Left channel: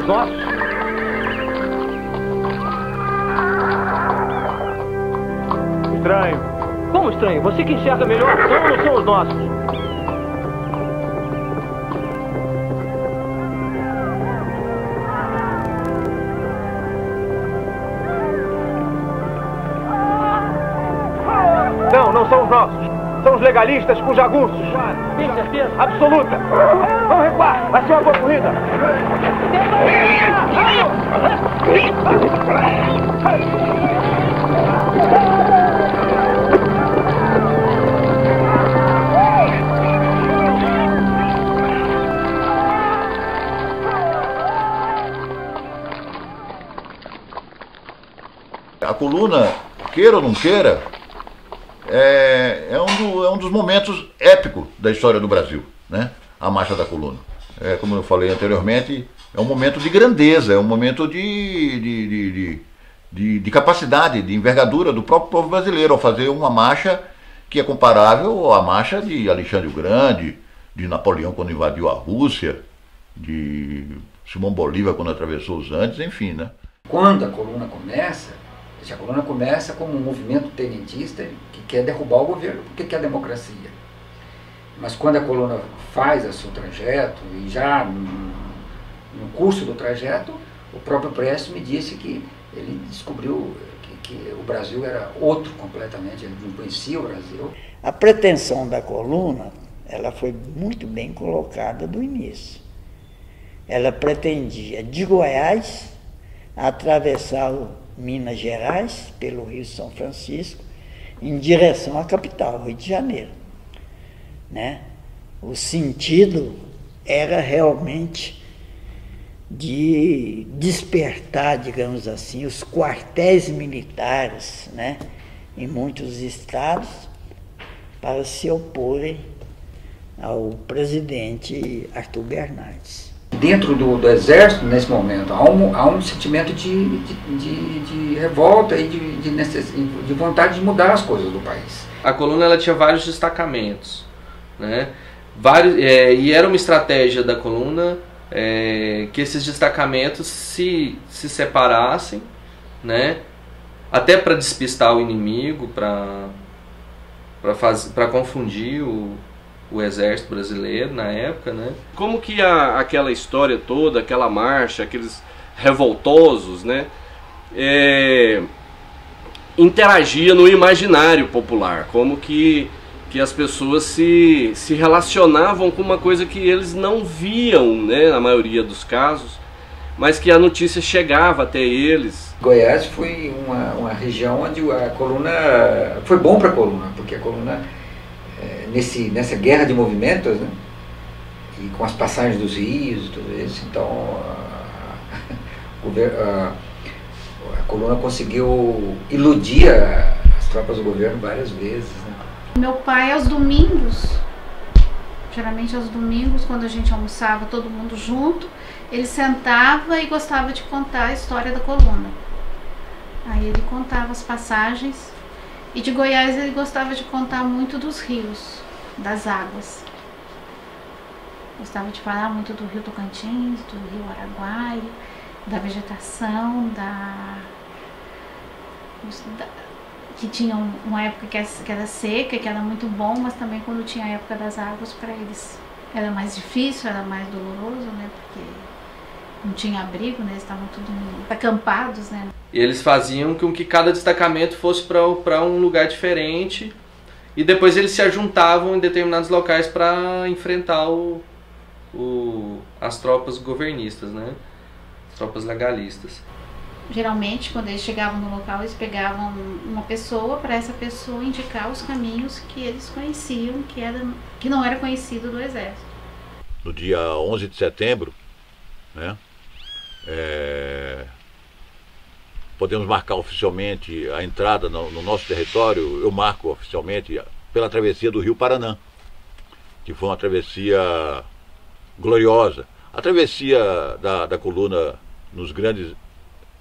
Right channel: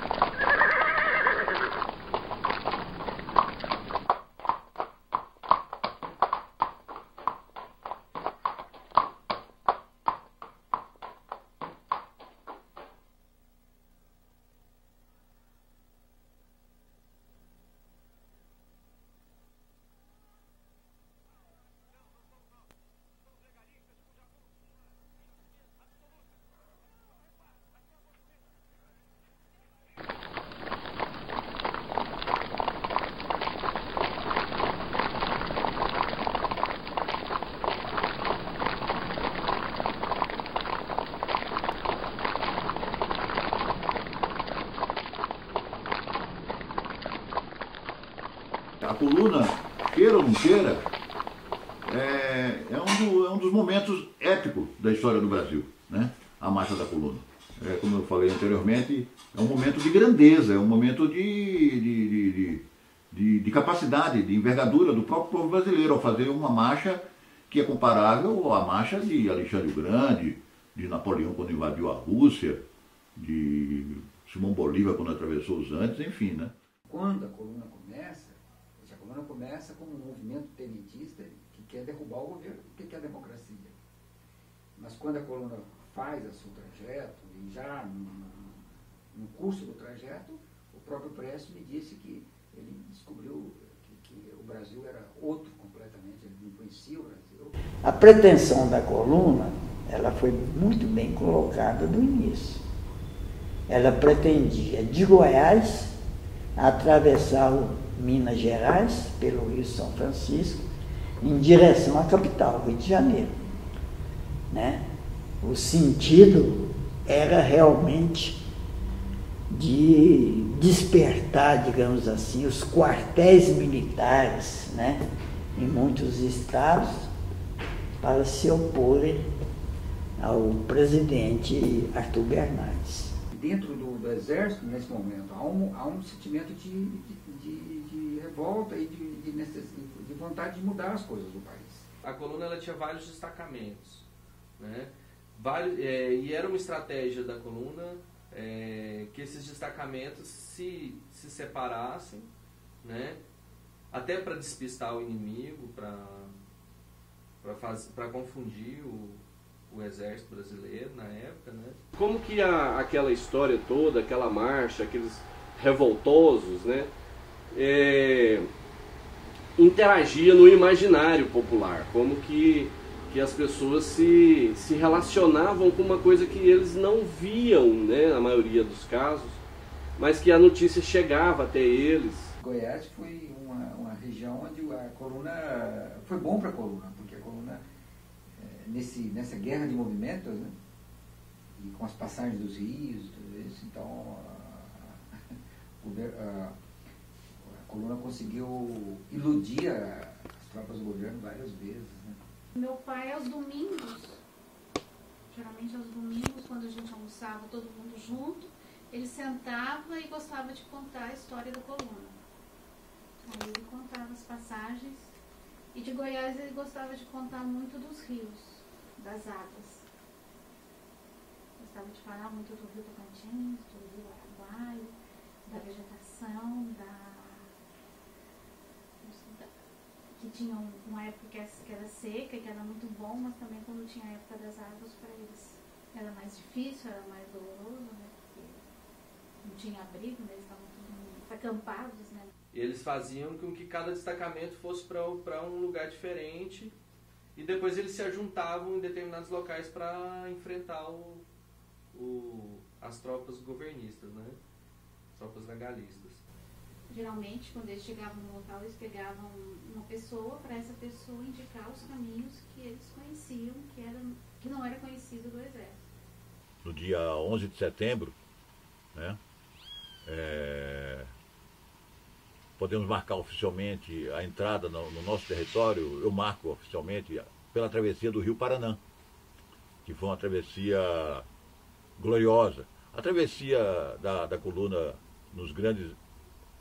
os nossos? Estranho. Como estranho? Você que enxerga melhor, são ou não são os nossos? Não são os nossos. São os legalistas com jagunços. Tem certeza? Absoluta. Vamos recuar. Vai ser uma boa corrida. A coluna, queira ou não queira, é um dos momentos épicos da história do Brasil, né? A Marcha da Coluna. Como eu falei anteriormente, é um momento de grandeza, é um momento de capacidade, de envergadura do próprio povo brasileiro ao fazer uma marcha que é comparável à marcha de Alexandre o Grande, de Napoleão quando invadiu a Rússia, de Simão Bolívar quando atravessou os Andes, enfim, né? Quando a coluna começa como um movimento tenentista que quer derrubar o governo porque quer democracia. Mas quando a coluna faz o seu trajeto, e já no curso do trajeto, o próprio Prestes me disse que ele descobriu que o Brasil era outro completamente, ele não conhecia o Brasil. A pretensão da coluna, ela foi muito bem colocada do início. Ela pretendia de Goiás atravessar Minas Gerais, pelo Rio São Francisco, em direção à capital, Rio de Janeiro. Né? O sentido era realmente de despertar, digamos assim, os quartéis militares, né, em muitos estados, para se oporem ao presidente Arthur Bernardes. Dentro do exército, nesse momento, há um sentimento de revolta e de vontade de mudar as coisas do país. A coluna ela tinha vários destacamentos, né? E era uma estratégia da coluna que esses destacamentos se separassem, né? Até para despistar o inimigo, para confundir o exército brasileiro na época, né? Como que aquela história toda, aquela marcha, aqueles revoltosos, né, interagia no imaginário popular, como que as pessoas se relacionavam com uma coisa que eles não viam, né, na maioria dos casos, mas que a notícia chegava até eles. Goiás foi uma região onde a coluna foi bom para a coluna, porque a coluna nessa guerra de movimentos, né, e com as passagens dos rios e tudo isso, então a coluna conseguiu iludir as tropas do governo várias vezes, né. Meu pai, aos domingos, geralmente aos domingos, quando a gente almoçava todo mundo junto, ele sentava e gostava de contar a história da coluna. Aí ele contava as passagens. E de Goiás ele gostava de contar muito dos rios, das águas. Gostava de falar muito do rio Tocantins, do rio Araguaia, da vegetação, que tinha uma época que era seca, que era muito bom, mas também quando tinha a época das águas, para eles era mais difícil, era mais doloroso, né? Porque não tinha abrigo, né? Eles estavam tudo acampados, né? E eles faziam com que cada destacamento fosse para um lugar diferente e depois eles se ajuntavam em determinados locais para enfrentar as tropas governistas, né? As tropas legalistas. Geralmente, quando eles chegavam no local, eles pegavam uma pessoa para essa pessoa indicar os caminhos que eles conheciam, que não era conhecido do exército. No dia 11 de setembro, né, podemos marcar oficialmente a entrada no nosso território. Eu marco oficialmente pela travessia do Rio Paranã, que foi uma travessia gloriosa. A travessia da coluna nos grandes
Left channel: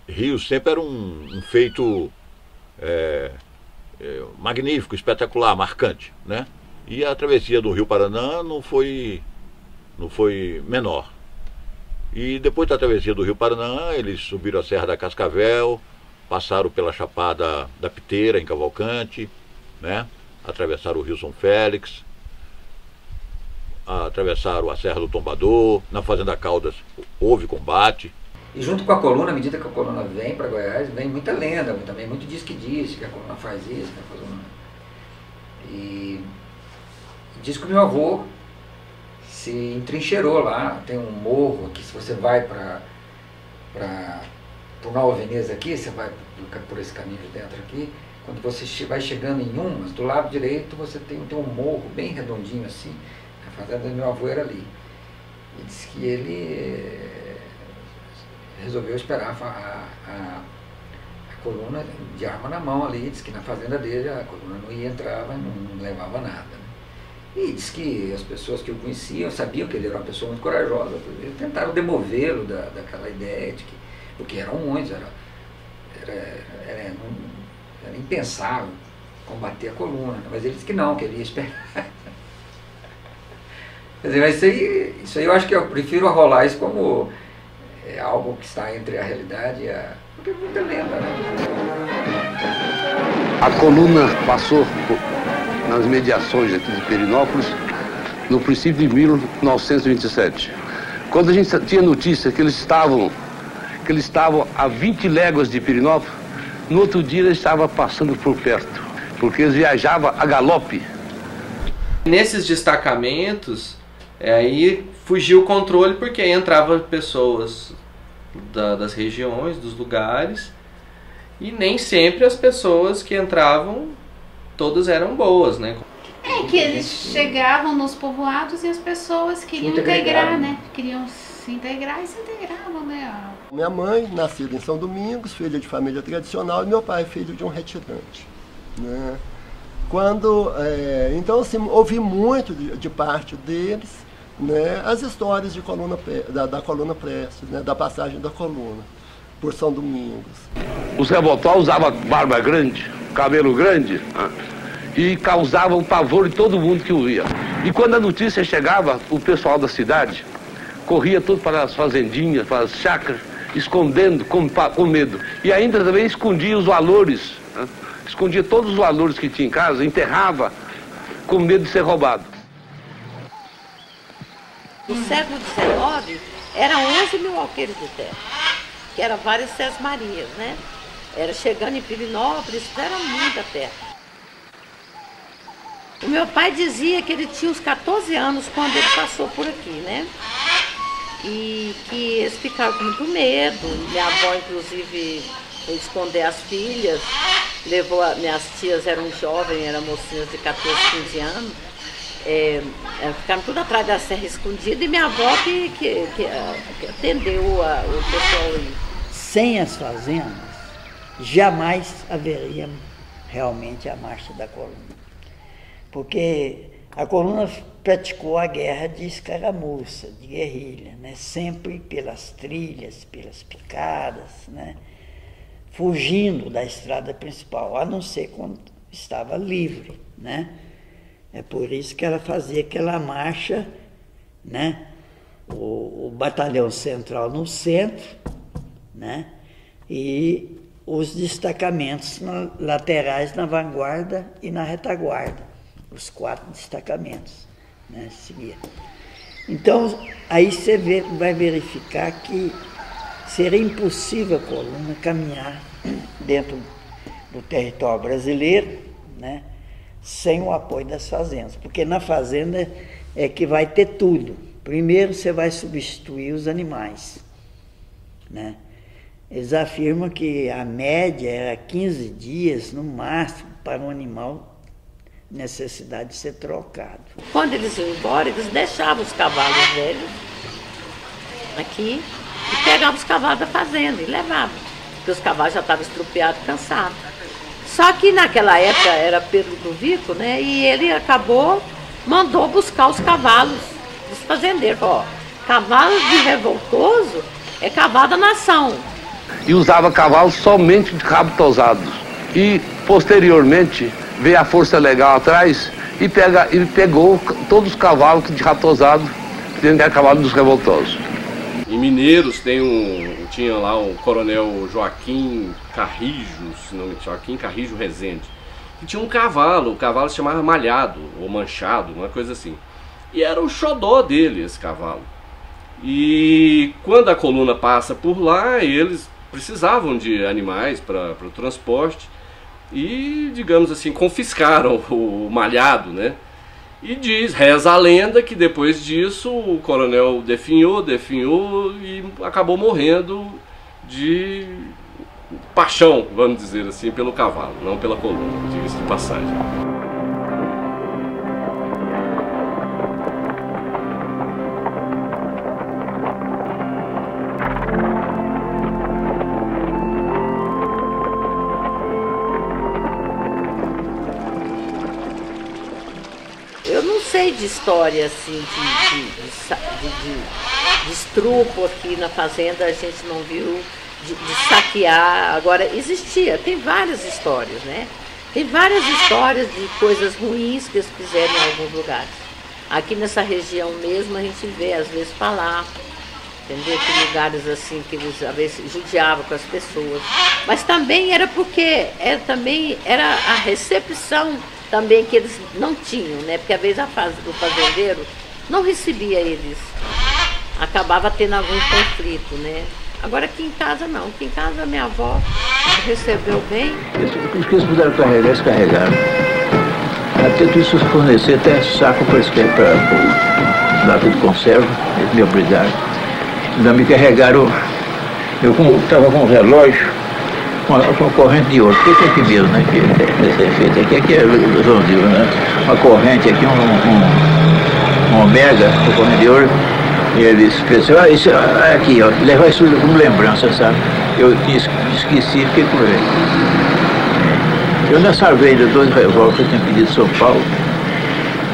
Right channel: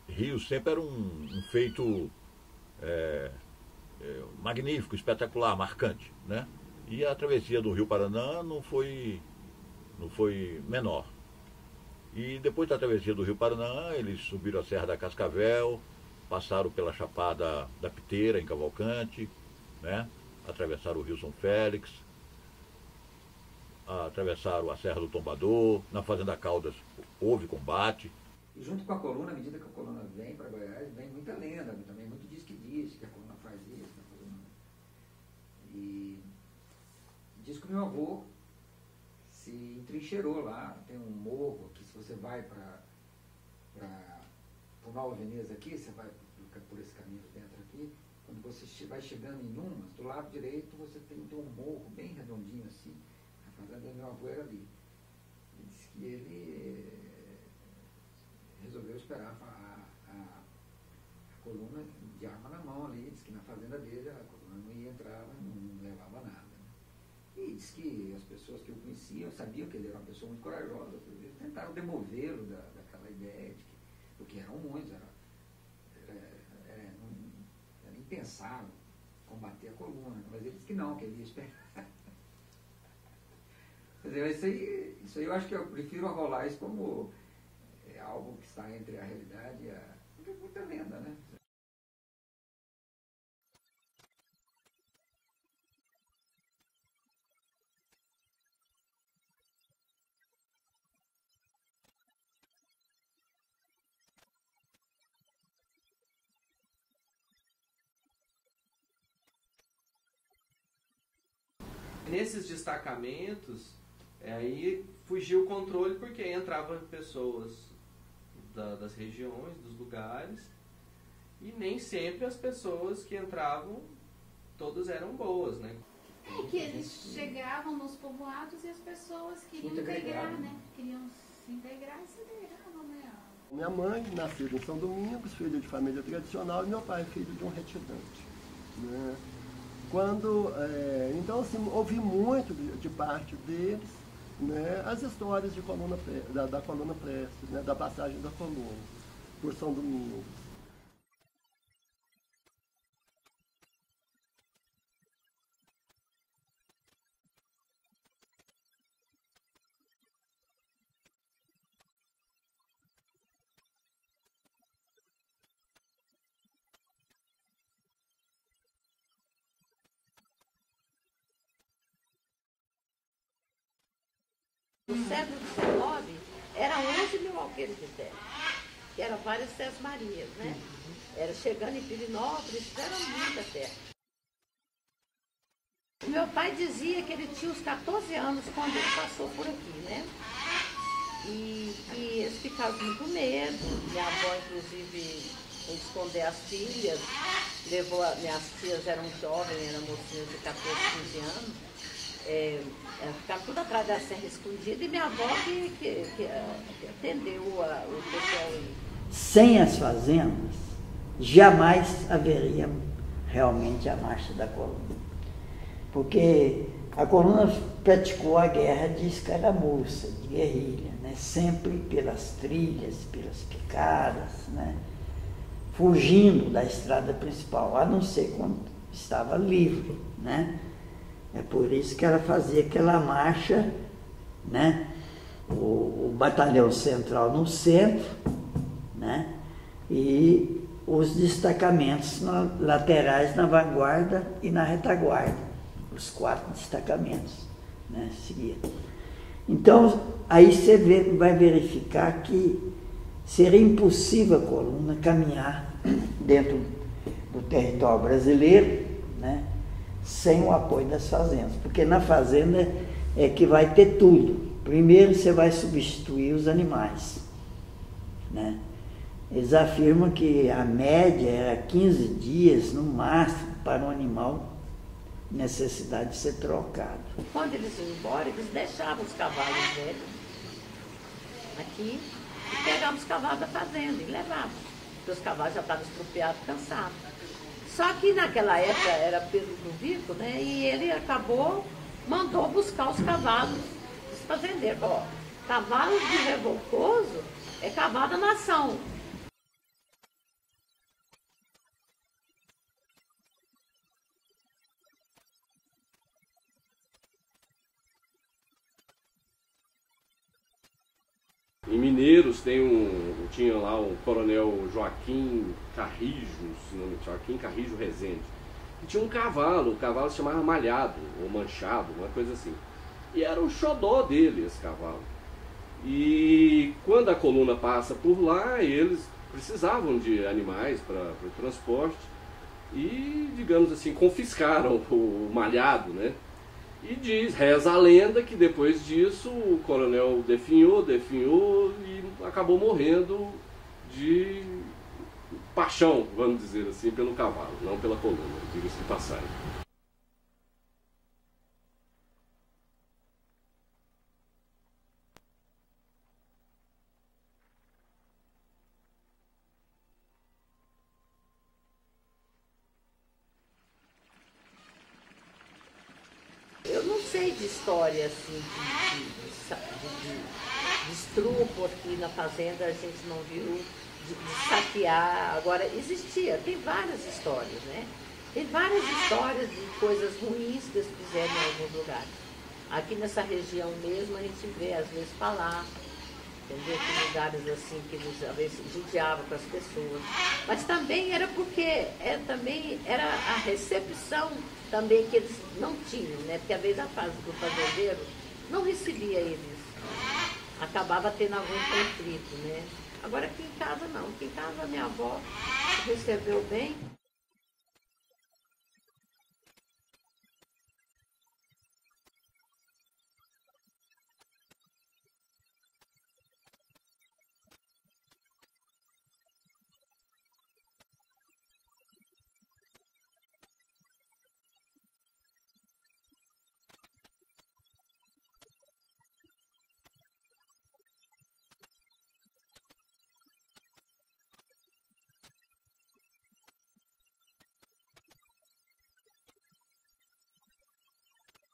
rios sempre era um feito magnífico, espetacular, marcante, né? E a travessia do Rio Paranã não foi menor. E depois da travessia do Rio Paraná, eles subiram a Serra da Cascavel, passaram pela Chapada da Piteira, em Cavalcante, né? Atravessaram o Rio São Félix, atravessaram a Serra do Tombador, na Fazenda Caldas houve combate. E junto com a coluna, à medida que a coluna vem para Goiás, vem muita lenda, também muito diz que a coluna faz isso, que a coluna... E diz que o meu avô se entrincheirou lá, tem um morro aqui, se você vai para Nova Veneza aqui, você vai por esse caminho de dentro aqui, quando você vai chegando em Umas, do lado direito você tem um morro bem redondinho assim, a fazenda do meu avô era ali. E diz que ele resolveu esperar a coluna de arma na mão ali, diz que na fazenda dele a coluna não ia entrar, não levava nada. Né? E diz que as pessoas que o conheciam sabiam que ele era uma pessoa muito corajosa, tentaram demovê-lo daquela ideia de que, porque eram muitos, era impensável combater a coluna, mas ele disse que não, que ele ia esperar. Quer dizer, mas isso aí eu acho que eu prefiro rolar isso como algo que está entre a realidade e a... porque é muita lenda, né? A coluna passou nas mediações aqui de Perinópolis no princípio de 1927. Quando a gente tinha notícia que eles estavam a 20 léguas de Perinópolis, no outro dia eles estavam passando por perto, porque eles viajavam a galope. Nesses destacamentos, aí fugiu o controle, porque aí entravam pessoas das regiões, dos lugares, e nem sempre as pessoas que entravam, todas eram boas, né? Que eles chegavam nos povoados e as pessoas queriam integrar, né? Queriam se integrar e se integravam, né? Minha mãe, nascida em São Domingos, filha de família tradicional, e meu pai, filho de um retirante. Né? Então, assim, ouvi muito de parte deles, né, as histórias de da coluna Prestes, né, da passagem da coluna por São Domingos. Os revoltosos usavam barba grande, cabelo grande, e causavam pavor em todo mundo que o via. E quando a notícia chegava, o pessoal da cidade corria tudo para as fazendinhas, para as chácaras, escondendo, com medo. E ainda também escondia os valores, né? Escondia todos os valores que tinha em casa, enterrava com medo de ser roubado. No século XIX, eram 11 mil alqueires de terra, que eram várias sesmarias, né? Era chegando em Pirinópolis, era muita terra. O meu pai dizia que ele tinha uns 14 anos quando ele passou por aqui, né? E que eles ficaram com muito medo. Minha avó, inclusive, foi esconder as filhas, minhas tias eram jovens, eram mocinhas de 14, 15 anos. Ficaram tudo atrás da serra escondida, e minha avó que atendeu o pessoal aí. Sem as fazendas, jamais haveria realmente a marcha da coluna. Porque a coluna praticou a guerra de escaramuça, de guerrilha, né? Sempre pelas trilhas, pelas picadas, né? Fugindo da estrada principal, a não ser quando estava livre, né? É por isso que ela fazia aquela marcha, né? O batalhão central no centro, né? E os destacamentos laterais na vanguarda e na retaguarda, os 4 destacamentos, né? Então, aí você vai verificar que seria impossível a coluna caminhar dentro do território brasileiro, né? Sem o apoio das fazendas, porque na fazenda é que vai ter tudo. Primeiro você vai substituir os animais, né? Eles afirmam que a média era 15 dias no máximo para um animal necessidade de ser trocado. Quando eles iam embora, eles deixavam os cavalos velhos aqui e pegavam os cavalos da fazenda e levavam, porque os cavalos já estavam estrupiados, cansados. Só que naquela época era Pedro do Vico, né? E ele mandou buscar os cavalos dos fazendeiros. Ó, cavalo de revoltoso é cavalo da nação. E usava cavalos somente de rabo tosado. E, posteriormente, veio a Força Legal atrás e pegou todos os cavalos de rabo tosado, que era cavalo dos revoltosos. Em Mineiros tinha lá o coronel Joaquim Carrijo, se não me engano, Joaquim Carrijo Rezende, que tinha um cavalo, o cavalo se chamava Malhado, ou Manchado, uma coisa assim. E era o xodó dele, esse cavalo. E quando a coluna passa por lá, eles precisavam de animais para o transporte e, digamos assim, confiscaram o Malhado, né? E reza a lenda que depois disso o coronel definhou e acabou morrendo de paixão, vamos dizer assim, pelo cavalo, não pela coluna, diga-se de passagem. Eu não sei de história assim, de estrupo aqui na fazenda, a gente não viu, de saquear. Agora, existia, tem várias histórias, né? Tem várias histórias de coisas ruins que eles fizeram em alguns lugares. Aqui nessa região mesmo a gente vê, às vezes, falar, entendeu? Que lugares assim que eles, às vezes, judiavam com as pessoas. Mas também era porque, era a recepção também que eles não tinham, né? Porque às vezes o fazendeiro não recebia eles, acabava tendo algum conflito, né? Agora aqui em casa não, aqui em casa minha avó recebeu bem. Os que eles puderam carregar, eles carregaram. Até tudo isso fornecer até saco para dar tudo conserva, eles me obrigaram. Ainda me carregaram, eu estava com um relógio, com uma corrente de ouro, porque aqui mesmo, né, que é feito aqui é redondinho, né, uma corrente aqui, um ômega, uma corrente de ouro, e eles pensaram, isso aqui, ó, levar isso como lembrança, sabe, eu esqueci, fiquei com ele. Eu nessa vez, 2 revólveres que eu tinha pedido de São Paulo,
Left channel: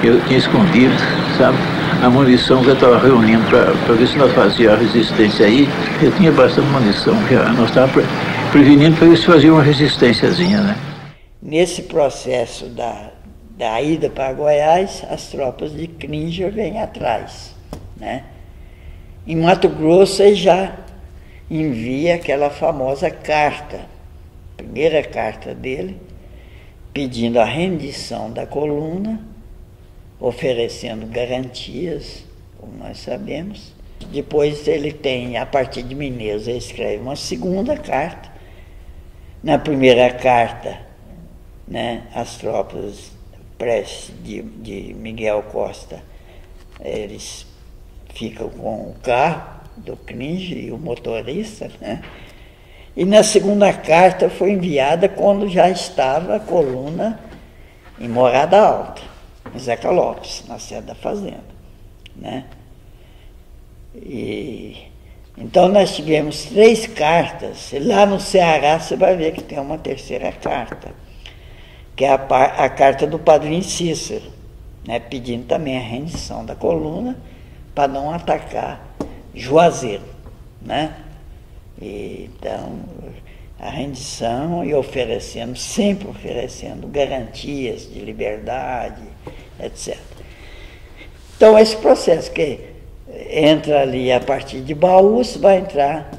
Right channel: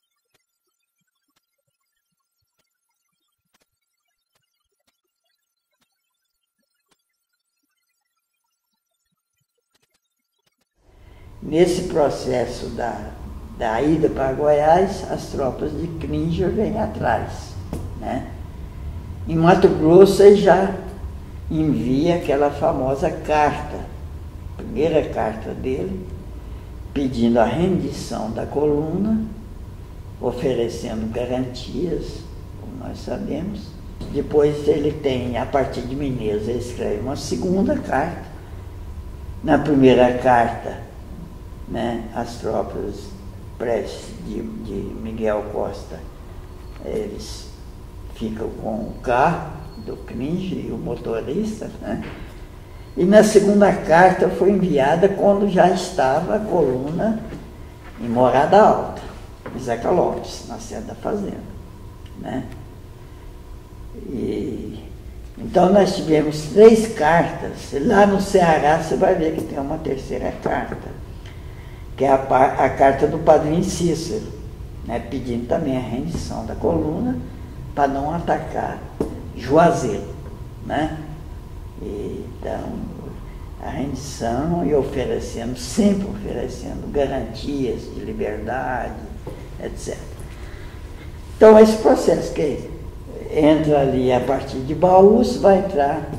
eu tinha escondido, sabe, a munição que eu estava reunindo para ver se nós fazíamos a resistência aí, eu tinha bastante munição, já nós estávamos prevenindo para eles faziam uma resistênciazinha, né? Nesse processo da ida para Goiás, as tropas de Cringer vêm atrás, né? Em Mato Grosso, ele já envia aquela famosa carta, a primeira carta dele, pedindo a rendição da coluna, oferecendo garantias, como nós sabemos. Depois ele tem, a partir de Mineiros, ele escreve uma segunda carta. Na primeira carta, né, as tropas de Miguel Costa, eles ficam com o carro do Cringer e o motorista, né? E na segunda carta foi enviada quando já estava a coluna em Morada Alta, em Zeca Lopes, na sede da fazenda, né? Então nós tivemos 3 cartas. Lá no Ceará você vai ver que tem uma terceira carta, que é a carta do Padrinho Cícero, né, pedindo também a rendição da coluna para não atacar Juazeiro, né? Então, a rendição e sempre oferecendo garantias de liberdade, etc. Então, esse processo que entra ali a partir de Baús, vai entrar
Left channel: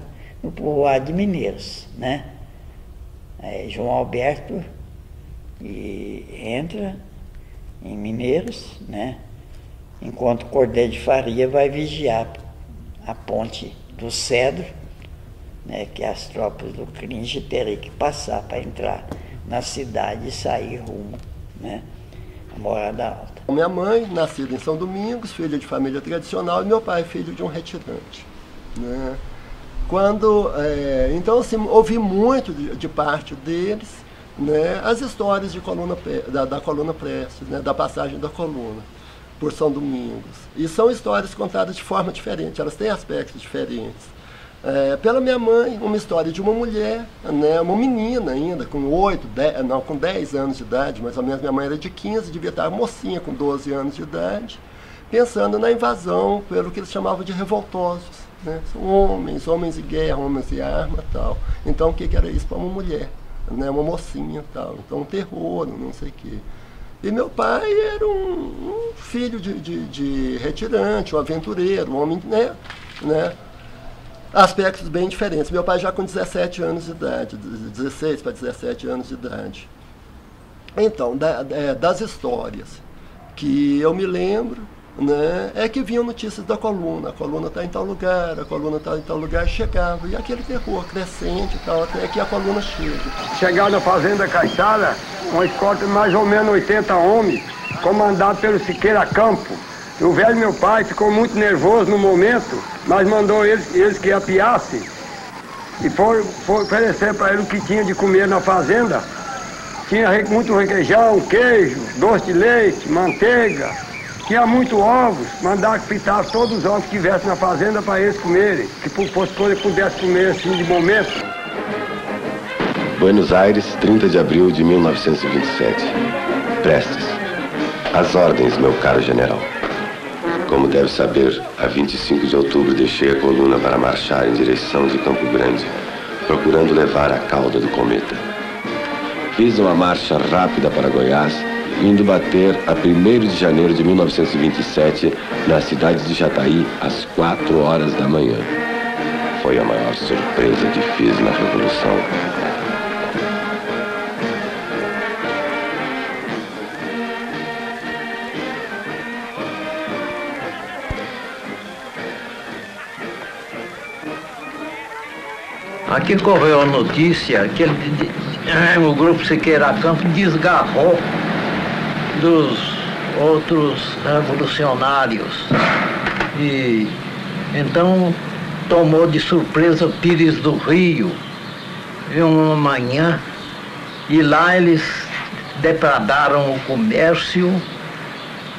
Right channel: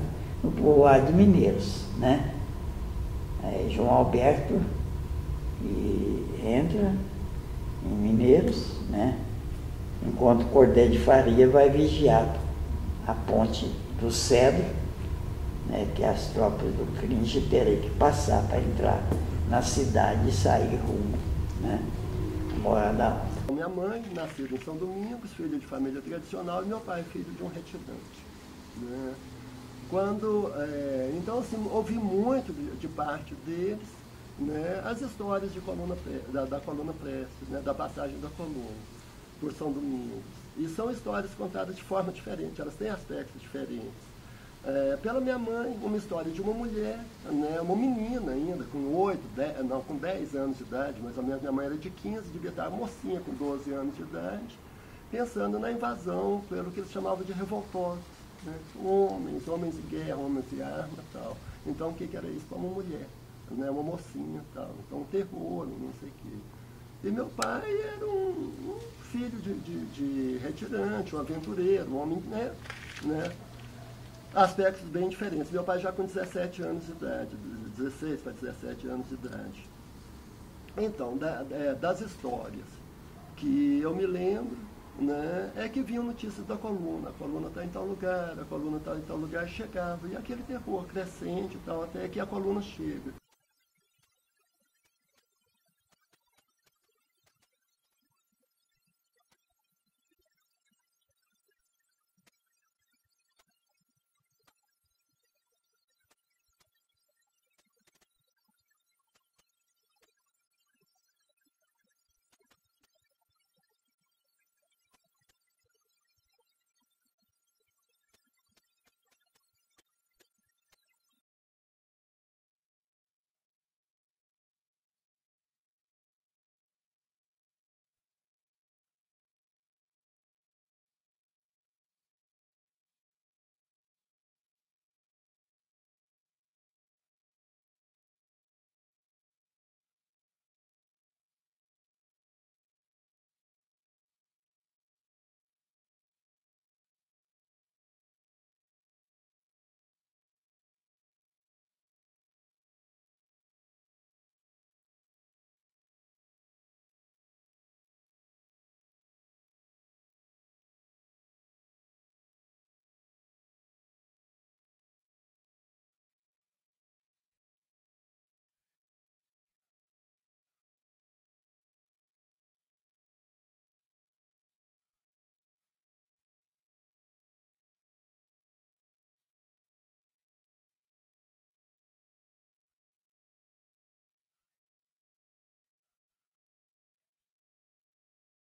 no povoado de Mineiros, né? Aí João Alberto entra em Mineiros, né? Enquanto Cordeiro de Faria vai vigiar a ponte do Cedro, né? Que as tropas do Cringer teriam que passar para entrar na cidade e sair rumo, né? A Morada Alta. Minha mãe, nascida em São Domingos, filha de família tradicional, e meu pai, filho de um retirante, né? Então, assim, ouvi muito de parte deles, né, as histórias de da coluna Prestes, né, da passagem da coluna por São Domingos. E são histórias contadas de forma diferente, elas têm aspectos diferentes. Pela minha mãe, uma história de uma mulher, né, uma menina ainda, com 10 anos de idade, mais ou menos. Minha mãe era de 15, devia estar mocinha com 12 anos de idade, pensando na invasão pelo que eles chamavam de revoltosos, né? São homens de guerra, homens de arma e tal. Então o que era isso para uma mulher, né, uma mocinha e tal? Então um terror, não sei o quê. E meu pai era um filho de retirante, um aventureiro, um homem, né? aspectos bem diferentes. Meu pai já com 17 anos de idade, 16 para 17 anos de idade. Então, das histórias que eu me lembro, né, é que vinham notícias da coluna. A coluna está em tal lugar, a coluna está em tal lugar, chegava. E aquele terror crescente e tal, até que a coluna chega. Chegaram na Fazenda Caixara, uma escolta de mais ou menos 80 homens, comandado pelo Siqueira Campo. O velho meu pai ficou muito nervoso no momento, mas mandou eles que apiassem e foi oferecer para ele o que tinha de comer na fazenda. Tinha muito requeijão, queijo, doce de leite, manteiga, tinha muito ovos, mandaram que fritasse todos os ovos que tivessem na fazenda para eles comerem, que pudesse comer assim de momento. Buenos Aires, 30 de abril de 1927. Prestes. Às ordens, meu caro general. Como deve saber, a 25 de outubro deixei a coluna para marchar em direção de Campo Grande, procurando levar a cauda do cometa. Fiz uma marcha rápida para Goiás, indo bater a 1º de janeiro de 1927 na cidade de Jataí às 4 horas da manhã. Foi a maior surpresa que fiz na Revolução. Aqui correu a notícia que o grupo Siqueira Campo desgarrou dos outros revolucionários e então tomou de surpresa Pires do Rio em uma manhã e lá eles depredaram o comércio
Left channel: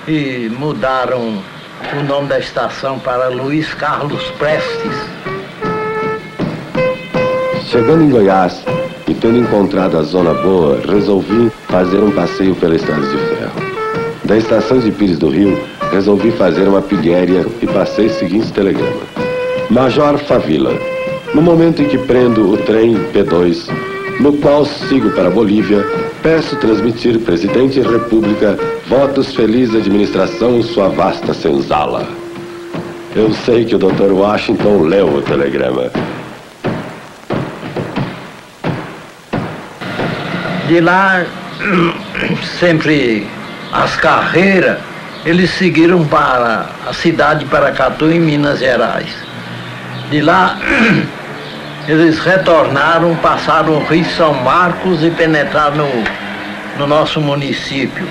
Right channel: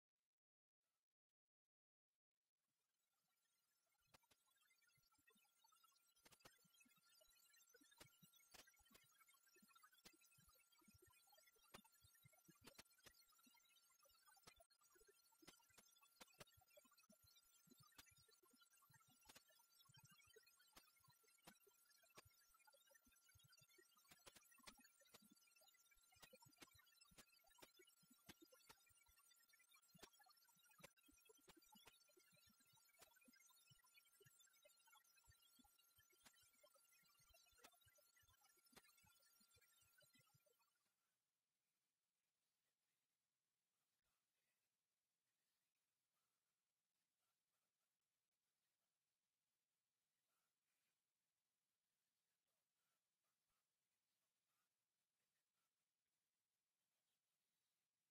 e mudaram o nome da estação para Luiz Carlos Prestes. Chegando em Goiás e tendo encontrado a zona boa, resolvi fazer um passeio pela estrada de ferro. Da estação de Pires do Rio, resolvi fazer uma pilhéria e passei o seguinte telegrama. Major Favila, no momento em que prendo o trem P2, no qual sigo para a Bolívia, peço transmitir Presidente da República votos feliz administração sua vasta senzala. Eu sei que o Dr. Washington leu o telegrama. De lá, sempre as carreiras, eles seguiram para a cidade de Paracatu, em Minas Gerais. De lá, eles retornaram, passaram o Rio São Marcos e penetraram no nosso município.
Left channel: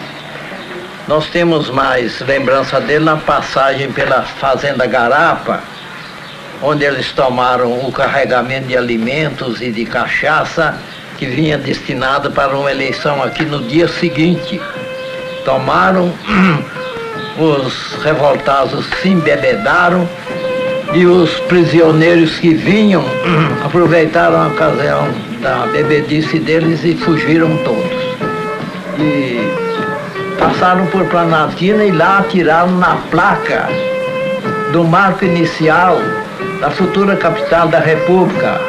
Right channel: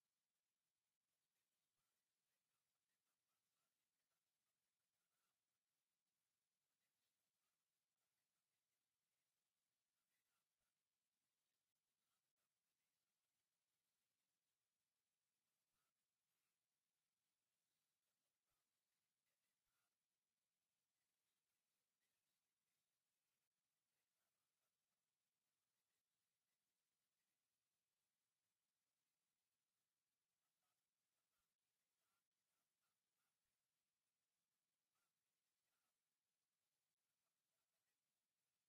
Nós temos mais lembrança dele na passagem pela Fazenda Garapa, onde eles tomaram o carregamento de alimentos e de cachaça, que vinha destinada para uma eleição aqui no dia seguinte. Tomaram, os revoltados se embebedaram e os prisioneiros que vinham aproveitaram a ocasião da bebedice deles e fugiram todos. E passaram por Planaltina e lá atiraram na placa do marco inicial da futura capital da República,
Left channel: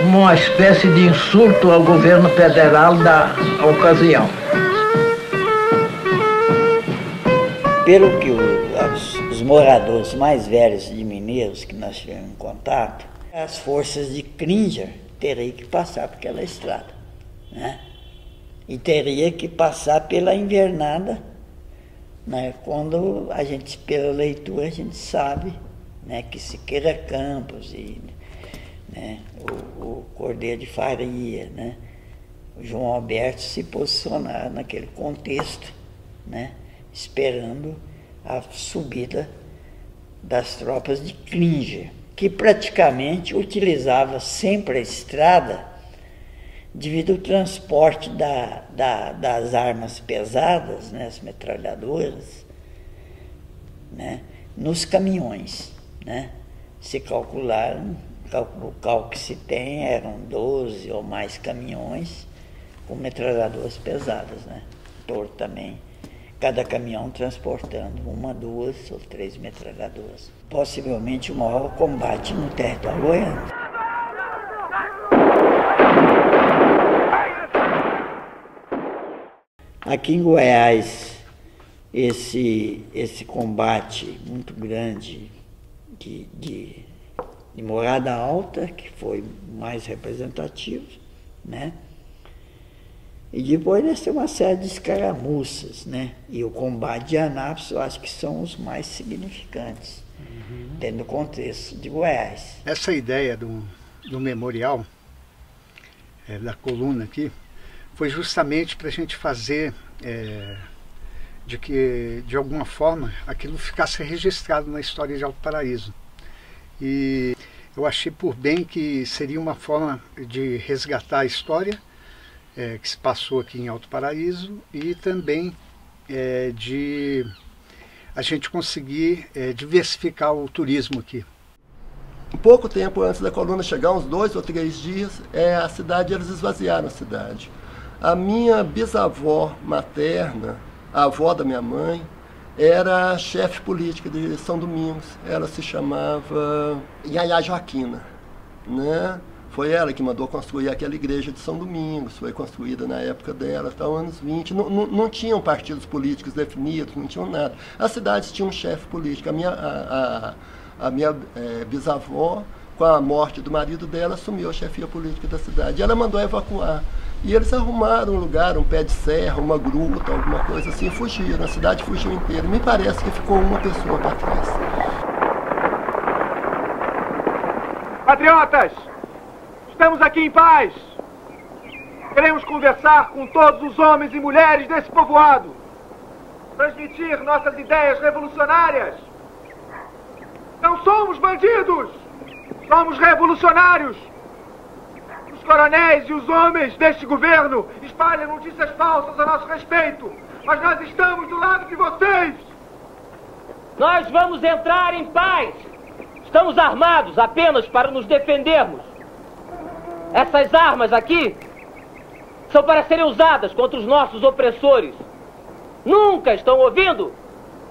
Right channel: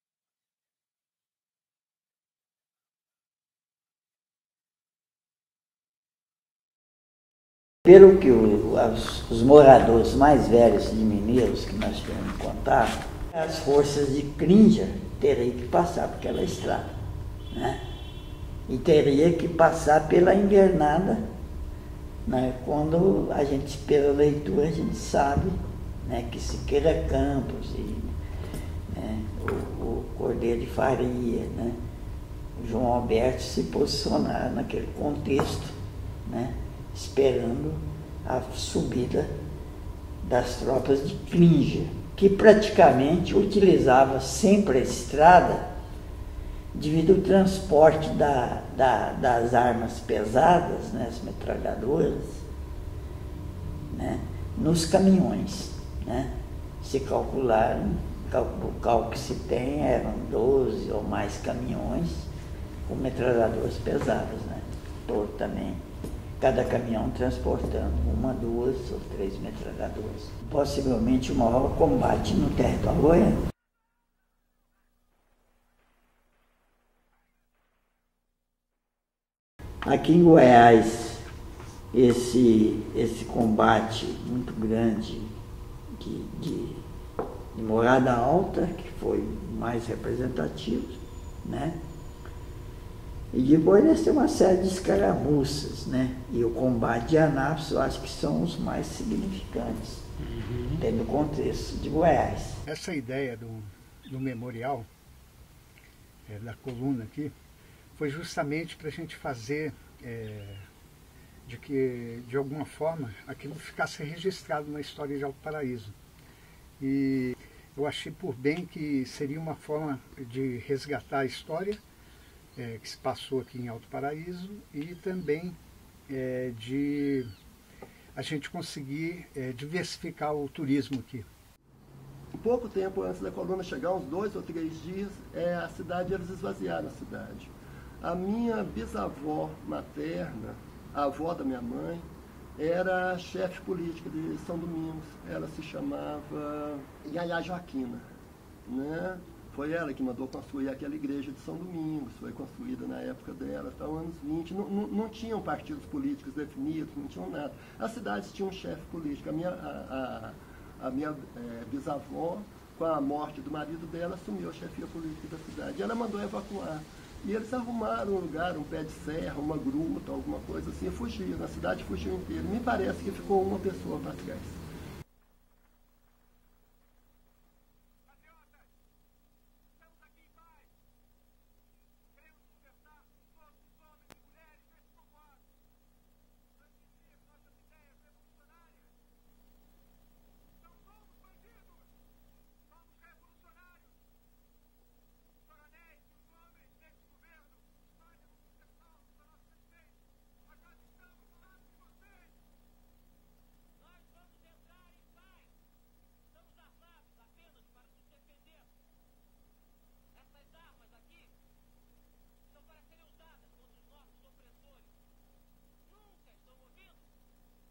uma espécie de insulto ao governo federal da ocasião. Pelo que os moradores mais velhos de Mineiros que nós tivemos contato, as forças de Cringer teriam que passar por aquela estrada, né? E teria que passar pela invernada, né? Quando a gente, pela leitura, a gente sabe, né, que Siqueira Campos e o Cordeiro de Faria, né, o João Alberto se posicionaram naquele contexto, né, esperando a subida das tropas de Cringer, que praticamente utilizava sempre a estrada devido ao transporte das armas pesadas, né, as metralhadoras, né, nos caminhões, né. Se calcularam, o cálculo que se tem eram 12 ou mais caminhões com metralhadoras pesadas, né, por também, cada caminhão transportando 1, 2 ou 3 metralhadoras. Possivelmente o maior combate no território goiano. Aqui em Goiás, esse combate muito grande de Morada Alta, que foi o mais representativo, né? E depois nós temos uma série de escaramuças, né? E o combate de Anápolis, eu acho que são os mais significantes, dentro do contexto de Goiás. Essa ideia do memorial, da coluna aqui, foi justamente para a gente fazer de que, de alguma forma, aquilo ficasse registrado na história de Alto Paraíso. E eu achei por bem que seria uma forma de resgatar a história que se passou aqui em Alto Paraíso e também de a gente conseguir diversificar o turismo aqui. Pouco tempo antes da coluna chegar, uns 2 ou 3 dias, a cidade, eles esvaziaram a cidade. A minha bisavó materna, a avó da minha mãe, era chefe política de São Domingos. Ela se chamava Yaya Joaquina, né? Foi ela que mandou construir aquela igreja de São Domingos, foi construída na época dela, até os anos 20. Não tinham partidos políticos definidos, não tinham nada. As cidades tinham um chefe político. A minha bisavó, com a morte do marido dela, assumiu a chefia política da cidade. E ela mandou evacuar. E eles arrumaram um lugar, um pé de serra, uma gruta, alguma coisa assim, fugiram. A cidade fugiu inteira. Me parece que ficou uma pessoa para trás. Patriotas, estamos aqui em paz. Queremos conversar com todos os homens e mulheres desse povoado. Transmitir nossas ideias revolucionárias. Não somos bandidos, somos revolucionários. Os coronéis e os homens deste governo espalham notícias falsas a nosso respeito, mas nós estamos do lado de vocês. Nós vamos entrar em paz. Estamos armados apenas para nos defendermos. Essas armas aqui são para serem usadas contra os nossos opressores. Nunca, estão ouvindo?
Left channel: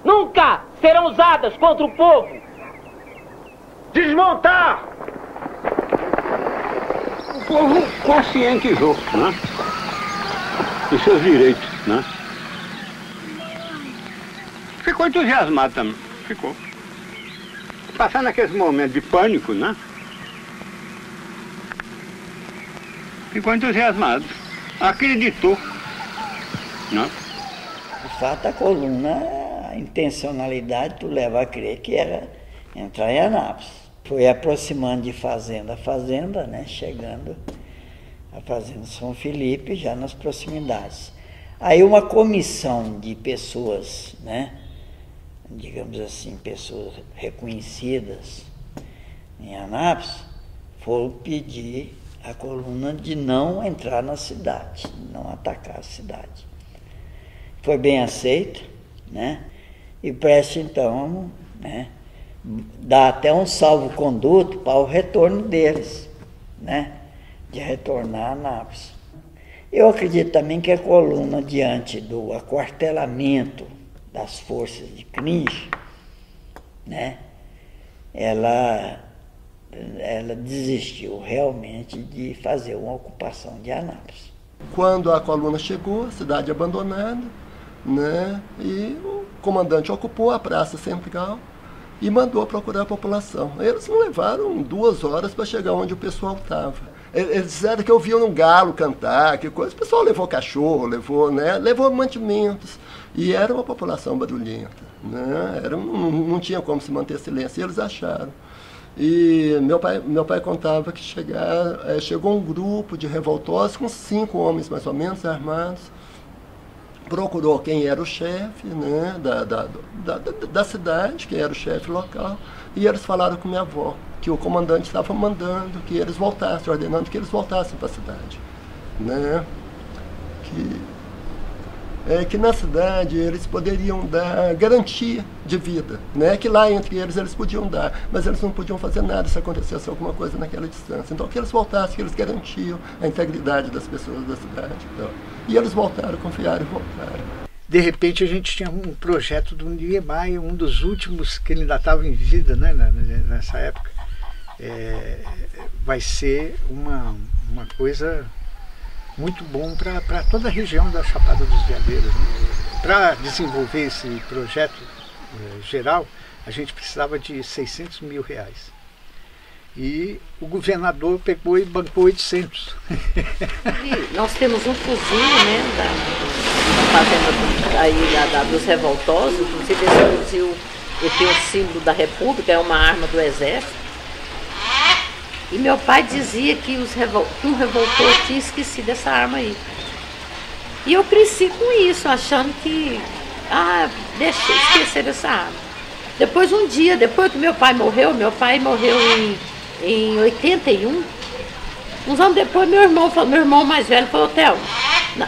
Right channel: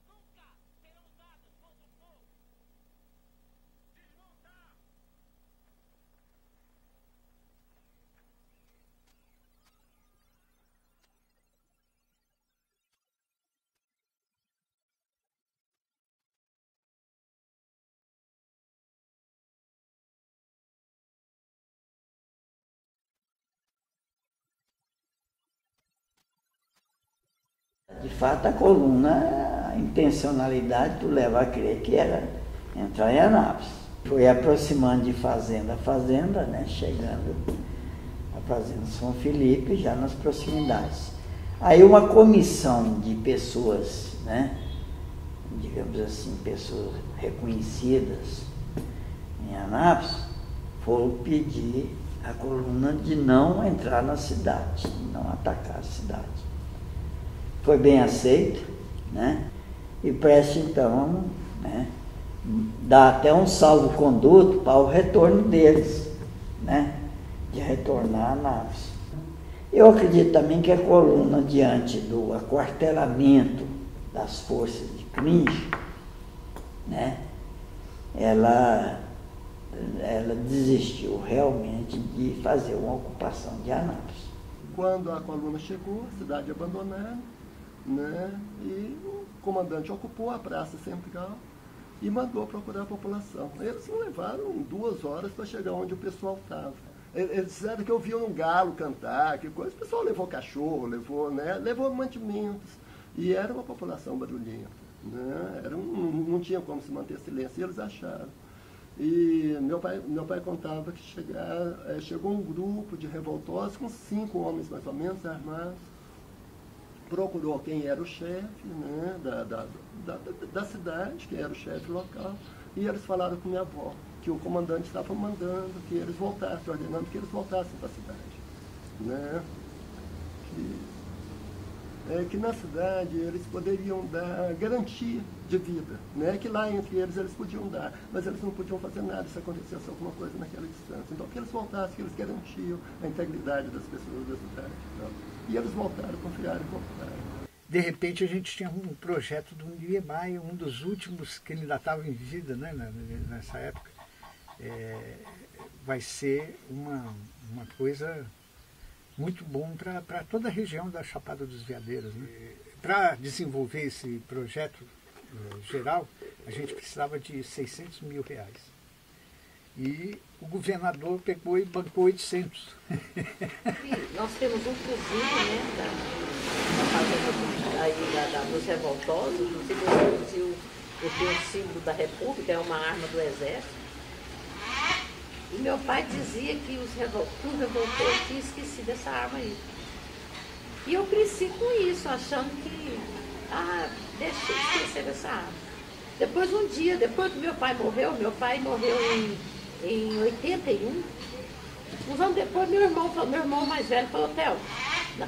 Nunca serão usadas contra o povo. Desmontar! O povo conscientizou, né? Dos seus direitos, né? Ficou entusiasmado também, ficou. Passando aqueles momentos de pânico, né? Ficou entusiasmado, acreditou, né? De fato, a coluna, a intencionalidade tu leva a crer que era entrar em Anápolis. Foi aproximando de fazenda a fazenda, né? Chegando a fazenda São Felipe, já nas proximidades. Aí uma comissão de pessoas, né? Digamos assim, pessoas reconhecidas em Anápolis, foram pedir a coluna de não entrar na cidade, não atacar a cidade. Foi bem aceito, né? E preste então, né? Dá até um salvo-conduto para o retorno deles, né? De retornar a Anápolis. Eu acredito também que a coluna, diante do aquartelamento das forças de Cringe, né? Ela desistiu realmente de fazer uma ocupação de Anápolis. Quando a coluna chegou, a cidade abandonada, né? E o comandante ocupou a Praça Central e mandou procurar a população. Eles não levaram 2 horas para chegar onde o pessoal estava. Eles disseram que ouviam um galo cantar, que coisa. O pessoal levou cachorro, levou mantimentos. E era uma população barulhenta, né? Não tinha como se manter silêncio, e eles acharam. E meu pai contava que chegou um grupo de revoltosos com 5 homens mais ou menos armados, procurou quem era o chefe, né, da cidade, quem era o chefe local, e eles falaram com minha avó que o comandante estava mandando que eles voltassem, ordenando que eles voltassem para a cidade, né? Que na cidade eles poderiam dar garantia de vida, né? Que lá entre eles podiam dar, mas eles não podiam fazer nada se acontecesse alguma coisa naquela distância. Então que eles voltassem, que eles garantiam a integridade das pessoas da cidade. Então, e eles voltaram, confiaram e voltaram. De repente a gente tinha um projeto do Niemeyer, um dos últimos que ele ainda estava em vida, né, nessa época. Vai ser uma coisa muito bom para toda a região da Chapada dos Veadeiros, né? Para desenvolver esse projeto geral, a gente precisava de R$600 mil. E o governador pegou e bancou 800. E nós temos um fuzil, né, da fazenda aí dos revoltosos, inclusive esse fuzil, ele tem o símbolo da República, é uma arma do Exército. E meu pai dizia que um revoltor tinha esquecido essa arma aí. E eu cresci com isso, achando que, deixa eu esquecer dessa arma. Depois, um dia, depois que meu pai morreu em 81, uns anos depois meu irmão mais velho falou, Thelma,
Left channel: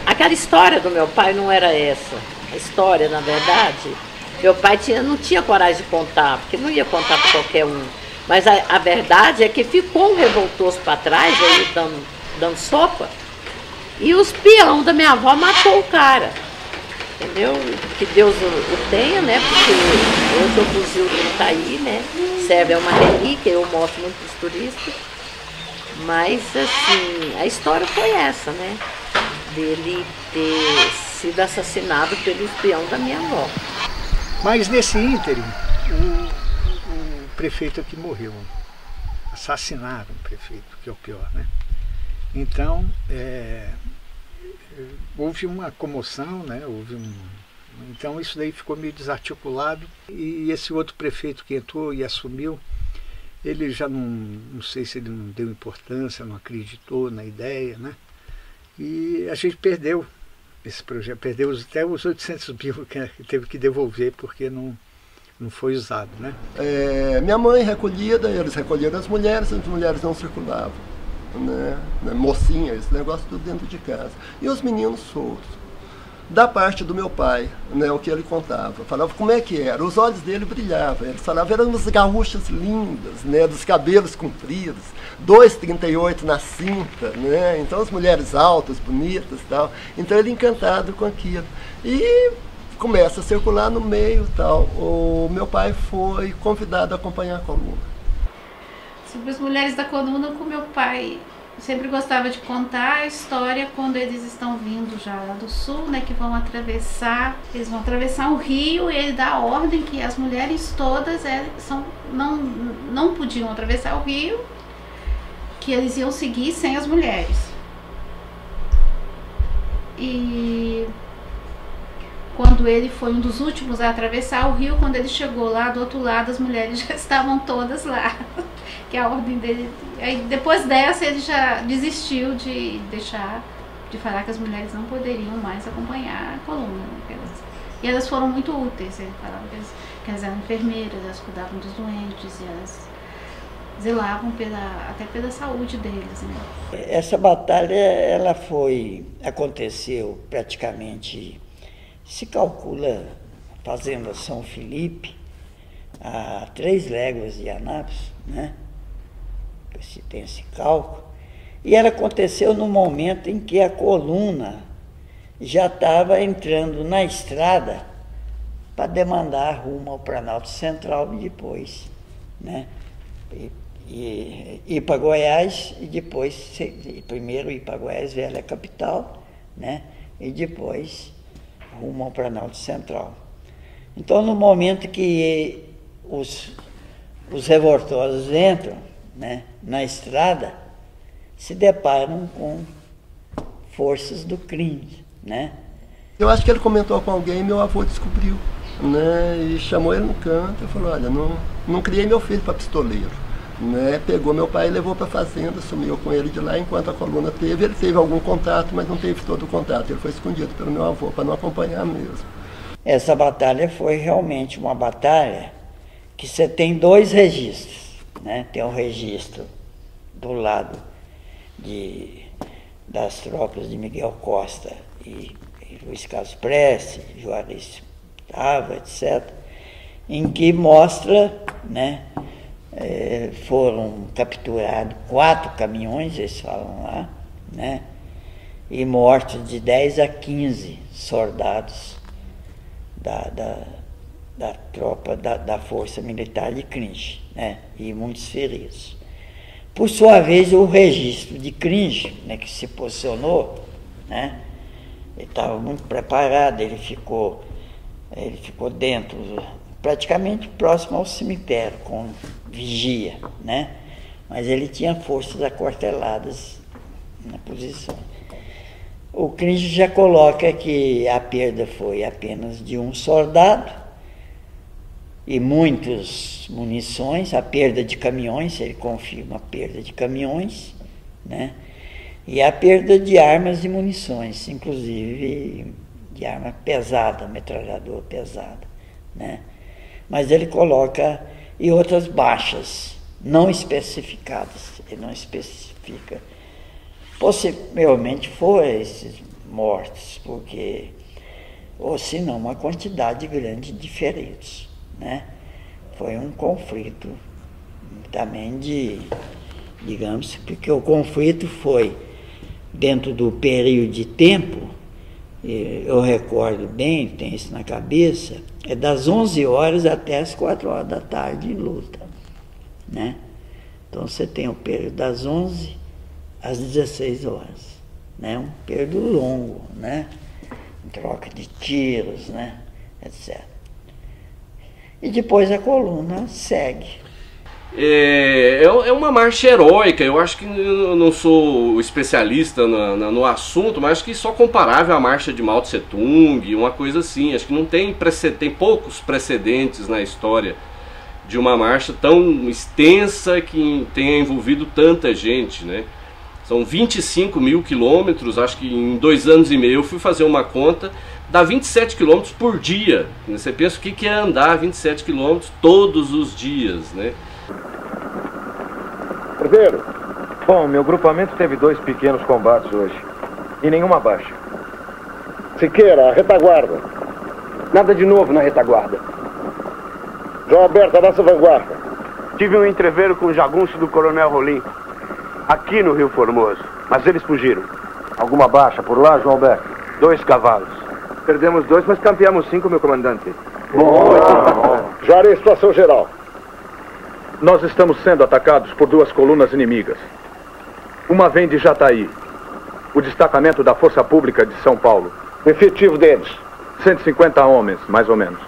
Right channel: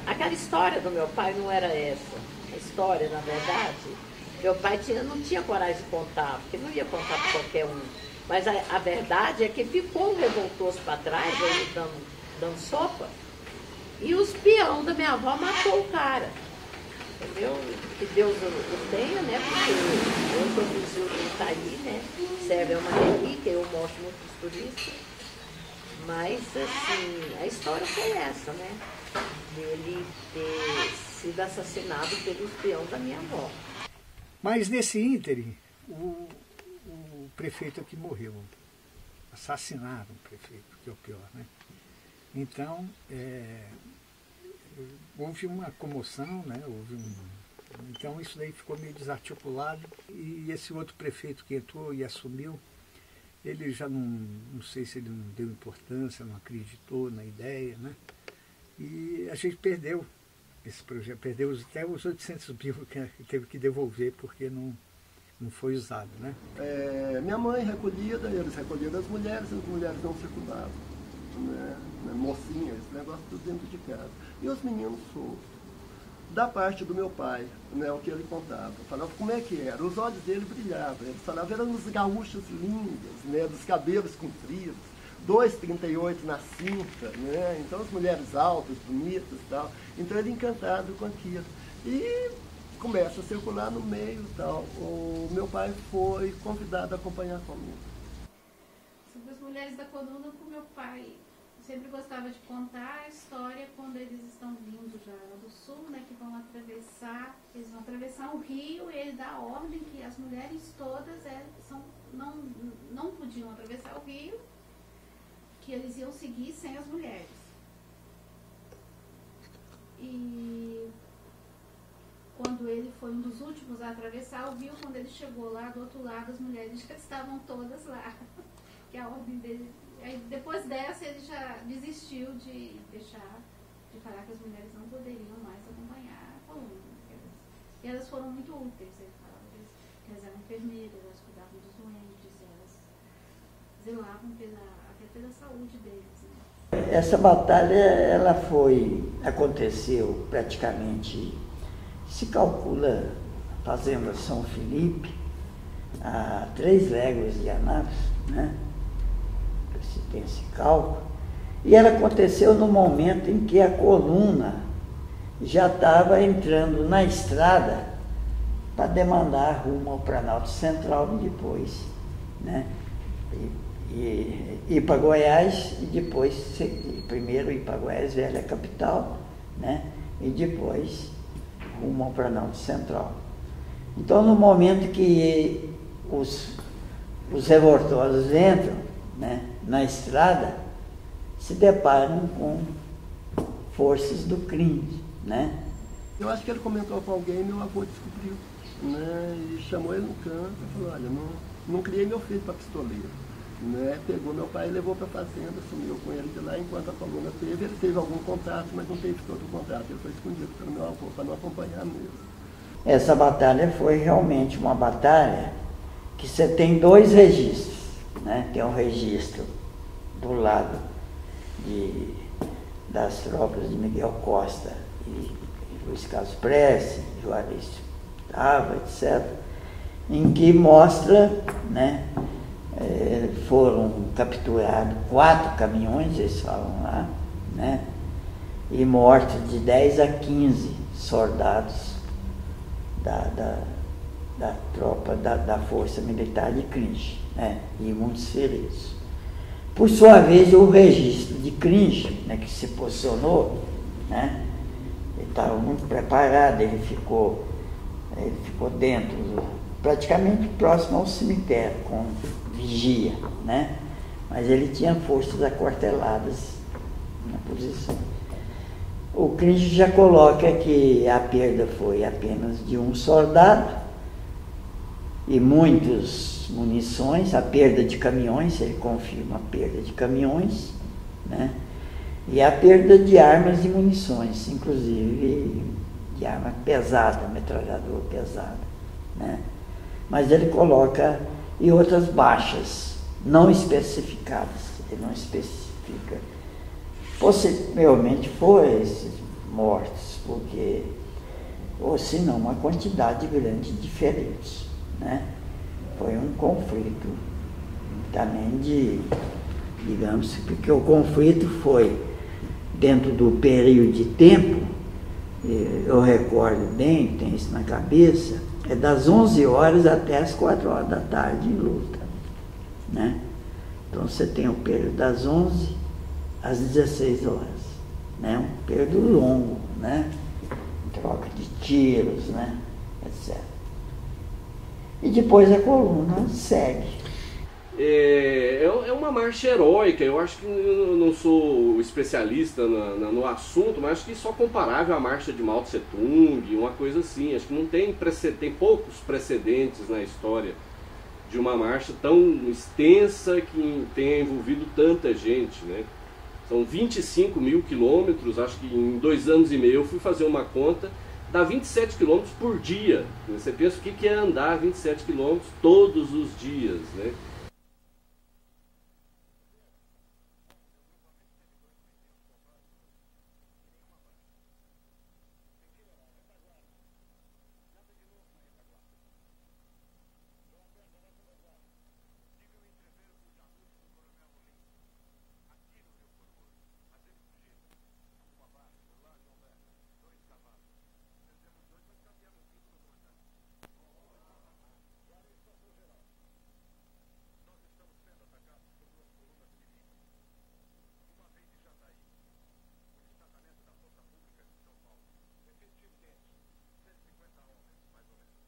aquela história do meu pai não era essa. A história, na verdade, meu pai não tinha coragem de contar, porque não ia contar para qualquer um. Mas a verdade é que ficou um revoltoso para trás, aí dando sopa, e os peão da minha avó matou o cara. Entendeu? Que Deus o tenha, né? Porque hoje o fuzil dele tá aí, né? Serve, é uma relíquia, eu mostro muito para os turistas. Mas, assim, a história foi essa, né? Dele ter sido assassinado pelo espião da minha avó. Mas nesse ínterim, o prefeito aqui morreu. Assassinaram o prefeito, que é o pior, né? Então, houve uma comoção, né? Então isso daí ficou meio desarticulado. E esse outro prefeito que entrou e assumiu, ele já não sei se ele não deu importância, não acreditou na ideia, né? E a gente perdeu esse projeto, perdeu até os 800 mil que teve que devolver porque não foi usado, né? Minha mãe recolhida, eles recolheram as mulheres não circulavam, né? Mocinha, esse negócio tudo dentro de casa. E os meninos soltos. Da parte do meu pai, né, o que ele contava, falava como é que era, os olhos dele brilhavam, ele falava, eram umas gaúchas lindas, né, dos cabelos compridos, 2,38 na cinta, né, então as mulheres altas, bonitas e tal, então ele encantado com aquilo. E começa a circular no meio e tal. O meu pai foi convidado a acompanhar a coluna. Sobre as mulheres da coluna, com meu pai sempre gostava de contar a história quando eles estão vindo já lá do sul, né, que eles vão atravessar o rio, e ele dá a ordem que as mulheres todas não podiam atravessar o rio, que eles iam seguir sem as mulheres. E quando ele foi um dos últimos a atravessar o rio, quando ele chegou lá do outro lado, as mulheres já estavam todas lá, que a ordem dele. Aí depois dessa ele já desistiu de falar que as mulheres não poderiam mais acompanhar a coluna, né? E elas foram muito úteis. Ele falava que elas eram enfermeiras, elas cuidavam dos doentes, e elas zelavam até pela saúde deles, né? Essa batalha aconteceu praticamente, se calcula, a fazenda São Felipe, a 3 léguas de Anápolis, né? Se tem esse cálculo. E ela aconteceu no momento em que a coluna já estava entrando na estrada para demandar rumo ao Planalto Central e depois, né? Ir para Goiás e depois, primeiro ir para Goiás, velha capital, né? E depois rumo ao Planalto Central. Então, no momento que os revoltosos entram, né, na estrada, se deparam com forças do crime, né? Eu acho que ele comentou com alguém e meu avô descobriu, né? E chamou ele no canto e falou, olha, não criei meu filho para pistoleiro, né? Pegou meu pai e levou para a fazenda, sumiu com ele de lá enquanto a coluna teve. Ele teve algum contato, mas não teve todo o contato. Ele foi escondido pelo meu avô para não acompanhar mesmo. Essa batalha foi realmente uma batalha que você tem 2 registros, né? Tem um registro do lado das tropas de Miguel Costa e Luiz Carlos Prestes, Juarez Tava, etc., em que mostra, né, foram capturados 4 caminhões, eles falam lá, né, e mortes de 10 a 15 soldados da tropa da Força Militar de Cringe, né, e muitos feridos. Por sua vez, o registro de Cringe, né, que se posicionou, né, ele estava muito preparado, ele ficou dentro, praticamente próximo ao cemitério, com vigia, né, mas ele tinha forças aquarteladas na posição. O Cringe já coloca que a perda foi apenas de um soldado e muitas munições, a perda de caminhões, ele confirma a perda de caminhões, né? E a perda de armas e munições, inclusive de arma pesada, metralhadora pesada, né? Mas ele coloca e outras baixas não especificadas, ele não especifica. Possivelmente foram esses mortos, porque, ou se não, uma quantidade grande de feridos, né? Foi um conflito também digamos, porque o conflito foi dentro do período de tempo, eu recordo bem, tenho isso na cabeça, é das 11 horas até as 4 horas da tarde em luta, né? Então você tem o período das 11 às 16 horas, né? Um período longo, né? Troca de tiros, né? Etc. E depois a coluna segue. É uma marcha heróica. Eu acho que eu não sou especialista no assunto, mas acho que só comparável à marcha de Mao Tse Tung, uma coisa assim. Acho que não tem poucos precedentes na história de uma marcha tão extensa que tenha envolvido tanta gente, né? São 25 mil quilômetros, acho que em 2 anos e meio eu fui fazer uma conta, dá 27 quilômetros por dia. Você pensa o que é andar 27 quilômetros todos os dias, né? Primeiro, bom, meu grupamento teve 2 pequenos combates hoje e nenhuma baixa. Siqueira, a retaguarda. Nada de novo na retaguarda. João Alberto, a nossa vanguarda. Tive um entreveiro com o jagunço do Coronel Rolim, aqui no Rio Formoso, mas eles fugiram. Alguma baixa por lá, João Alberto? 2 cavalos. Perdemos 2, mas campeamos 5, meu comandante. Bom. Juarez, situação geral. Nós estamos sendo atacados por 2 colunas inimigas. Uma vem de Jataí, o destacamento da Força Pública de São Paulo. O efetivo deles? 150 homens, mais ou menos.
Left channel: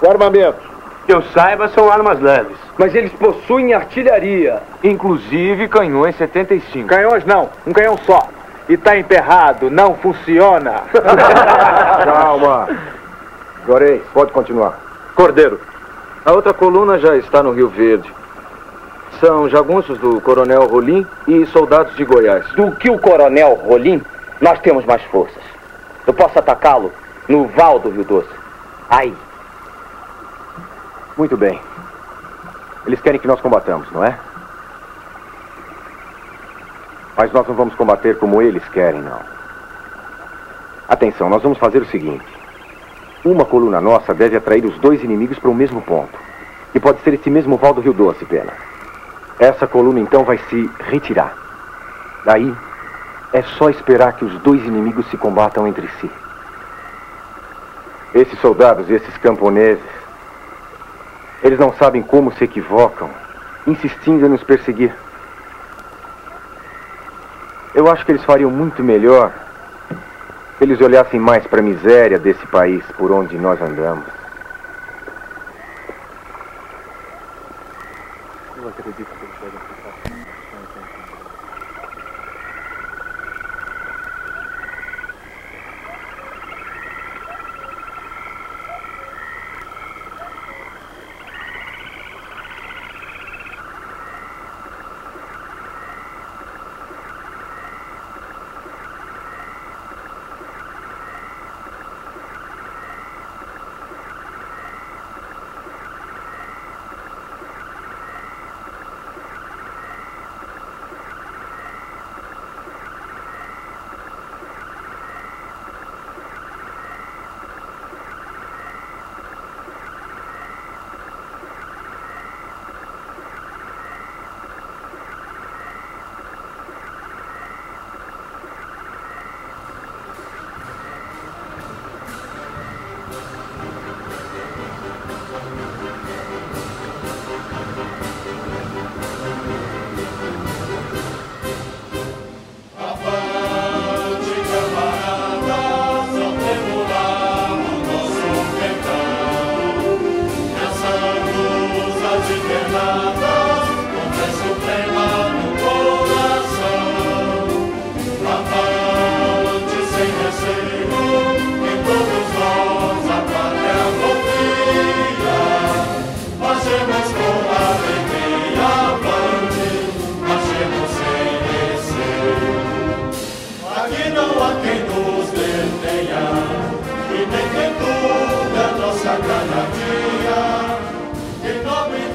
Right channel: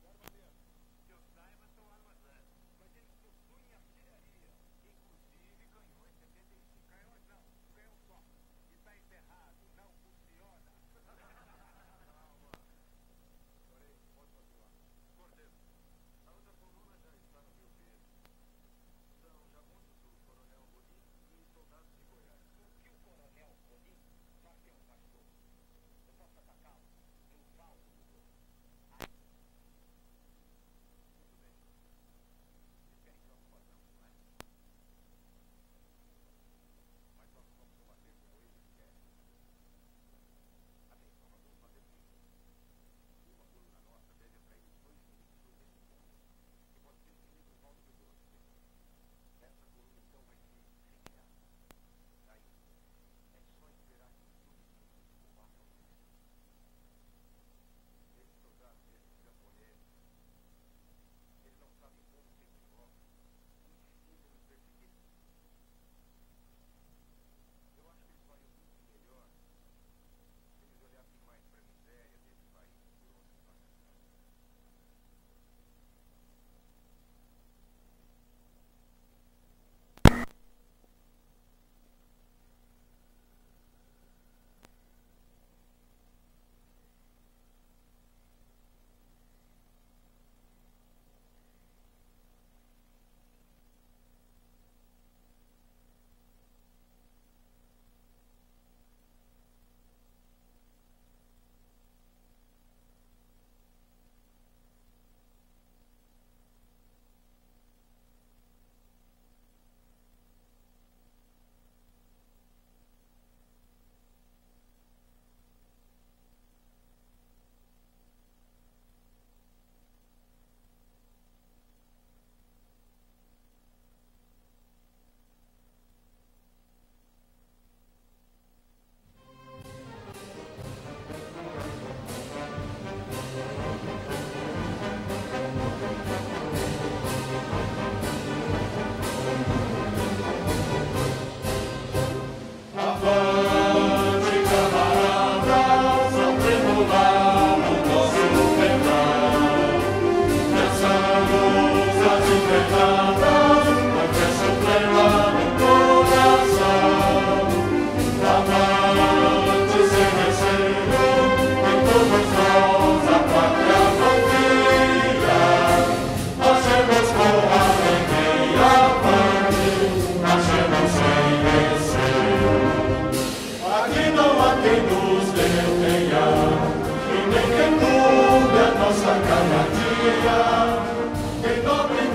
O armamento? Que eu saiba, são armas leves. Mas eles possuem artilharia. Inclusive canhões 75. Canhões não, um canhão só. E tá emperrado, não funciona. Calma. Juarez, pode continuar. Cordeiro. A outra coluna já está no Rio Verde. São jagunços do Coronel Rolim e soldados de Goiás. Do que o Coronel Rolim, nós temos mais forças. Eu posso atacá-lo no Val do Rio Doce. Aí. Muito bem. Eles querem que nós combatamos, não é? Mas nós não vamos combater como eles querem, não. Atenção, nós vamos fazer o seguinte. Uma coluna nossa deve atrair os 2 inimigos para o mesmo ponto. E pode ser esse mesmo Val do Rio Doce, Pena. Essa coluna, então, vai se retirar. Daí, é só esperar que os 2 inimigos se combatam entre si. Esses soldados e esses camponeses, eles não sabem como se equivocam, insistindo em nos perseguir. Eu acho que eles fariam muito melhor se eles olhassem mais para a miséria desse país por onde nós andamos. Eu acredito que eles podem ficar. cada día, que noble